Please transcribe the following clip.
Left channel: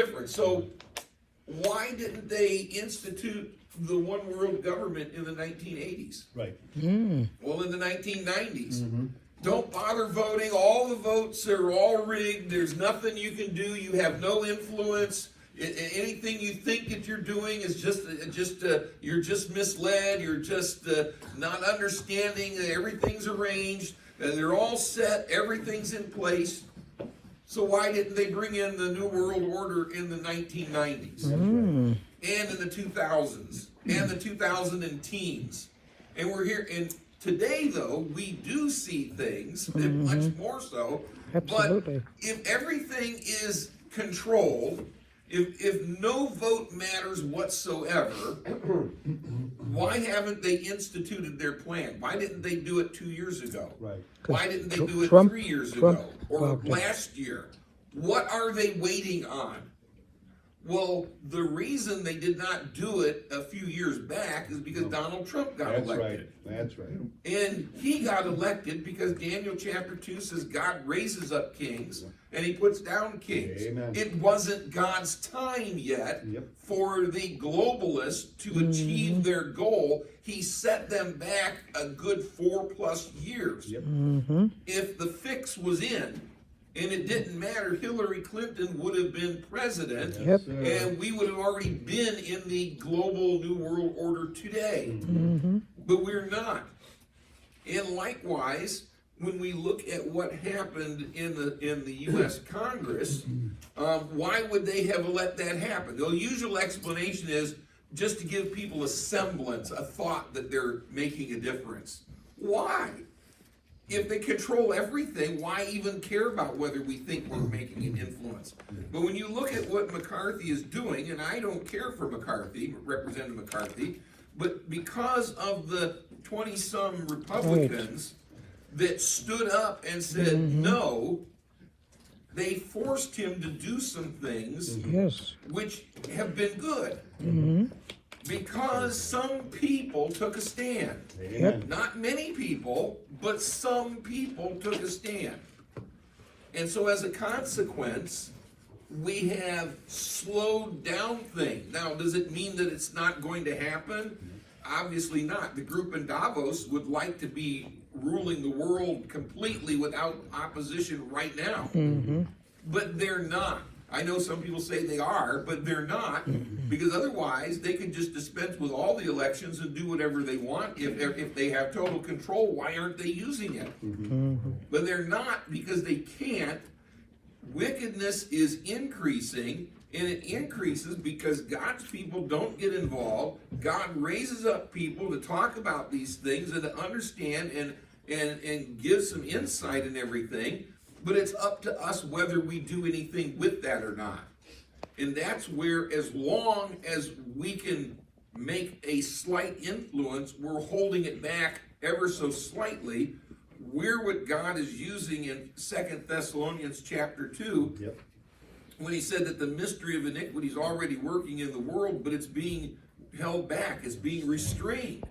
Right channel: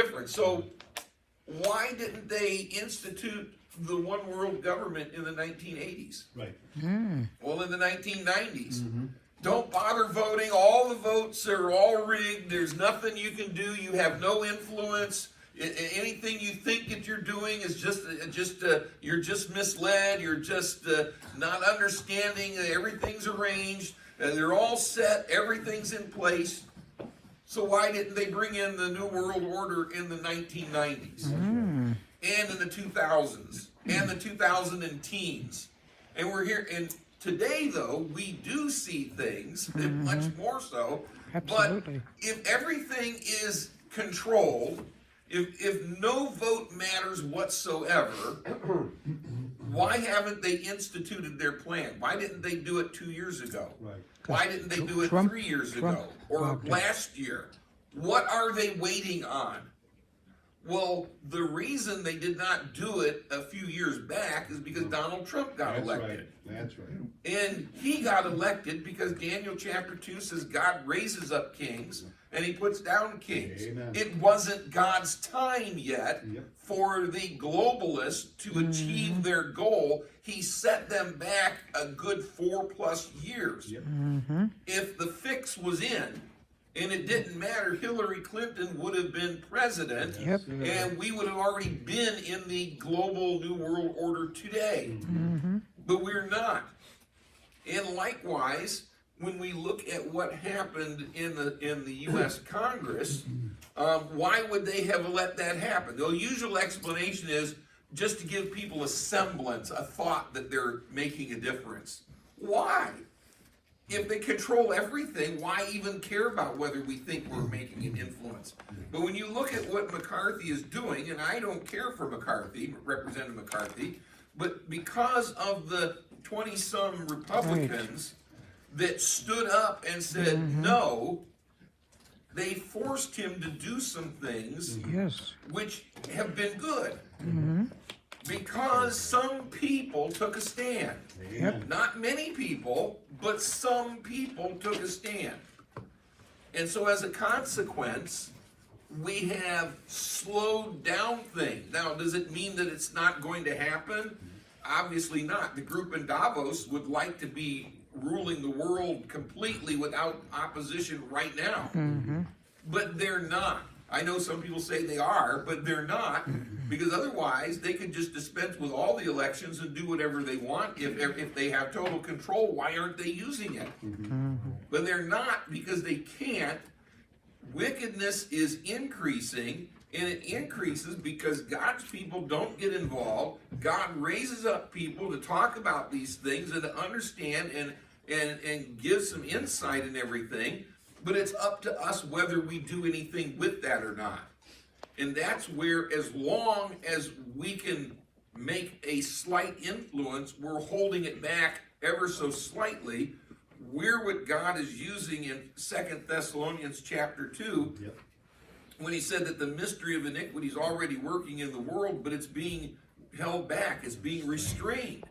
different. So why didn't they institute the one world government in the 1980s? Right. Well, in the 1990s. Don't bother voting. All the votes are all rigged. There's nothing you can do. You have no influence. Anything you think that you're doing is just you're just misled. You're just not understanding that everything's arranged. They're all set. Everything's in place. So why didn't they bring in the New World Order in the 1990s and in the 2000s and the 2010s? And we're here. And today, though, we do see things much more so. Absolutely. But if everything is controlled, if no vote matters whatsoever, why haven't they instituted their plan? Why didn't they do it 2 years ago? Right. Why didn't they do it Trump- 3 years Trump ago or blocked it. last year? What are they waiting on? Well, the reason they did not do it a few years back is because Donald Trump got That's elected. right. That's right. And he got elected because Daniel chapter 2 says God raises up kings and he puts down kings. Amen. It wasn't God's time yet Yep. for the globalists to achieve their goal. He set them back a good 4+ years. Yep. If the fix was in, and it didn't matter, Hillary Clinton would have been president, Yep. and we would have already been in the global New World Order today. But we're not. And likewise, when we look at what happened in the U.S. Congress, why would they have let that happen? The usual explanation is just to give people a semblance, a thought that they're making a difference. Why? If they control everything, why even care about whether we think we're making an influence? But when you look at what McCarthy is doing, and I don't care for McCarthy, Representative McCarthy, but because of the 20-some Republicans that stood up and said no, they forced him to do some things Yes. which have been good. Because some people took a stand. Amen. Not many people, but some people took a stand. And so as a consequence, we have slowed down things. Now, does it mean that it's not going to happen? Obviously not. The group in Davos would like to be ruling the world completely without opposition right now. But they're not. I know some people say they are, but they're not, because otherwise they could just dispense with all the elections and do whatever they want. If they have total control, why aren't they using it? But they're not, because they can't. Wickedness is increasing, and it increases because God's people don't get involved. God raises up people to talk about these things and to understand and give some insight and everything. But it's up to us whether we do anything with that or not. And that's where, as long as we can make a slight influence, we're holding it back ever so slightly. We're what God is using in 2 Thessalonians chapter 2, Yep. when he said that the mystery of iniquity is already working in the world, but it's being held back, it's being restrained.